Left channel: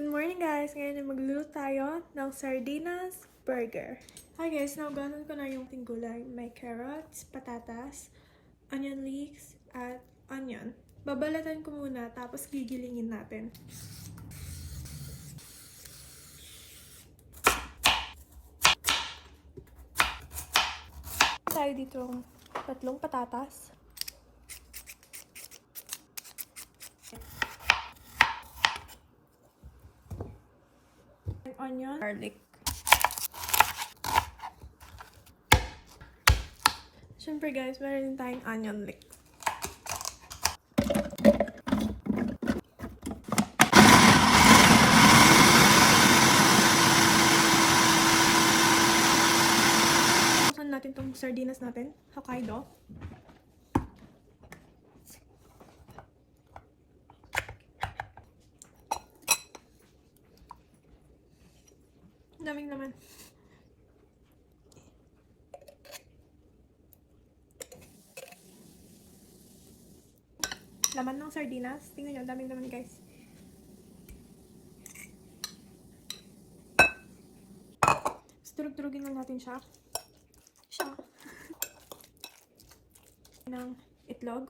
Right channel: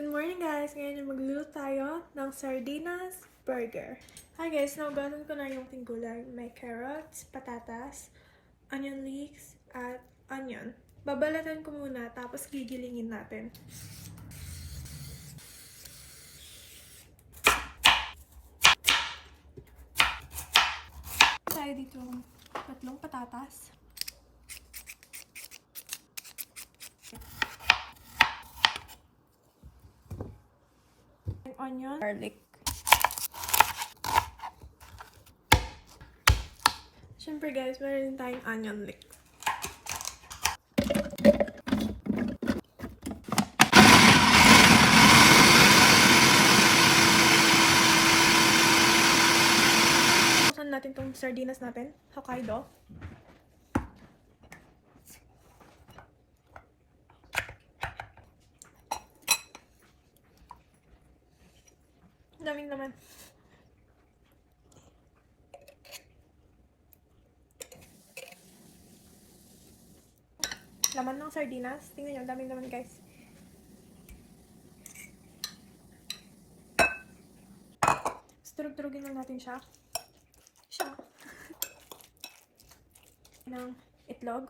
Good morning guys! Ngayon yung magluluto tayo ng sardinas burger. Hi guys! Naugasan ko na yung ating gulay. May carrots, patatas, onion leeks, at onion. Babalatan ko muna tapos gigilingin natin. Tayo dito tatlong patatas. Onion, garlic. Siyempre guys, meron din tayong onion leeks. Buksan natin tong sardinas natin, Hokkaido. Daming naman. Laman ng sardinas. Tingnan nyo, daming naman guys. Turug-turugin lang natin siya. ng itlog.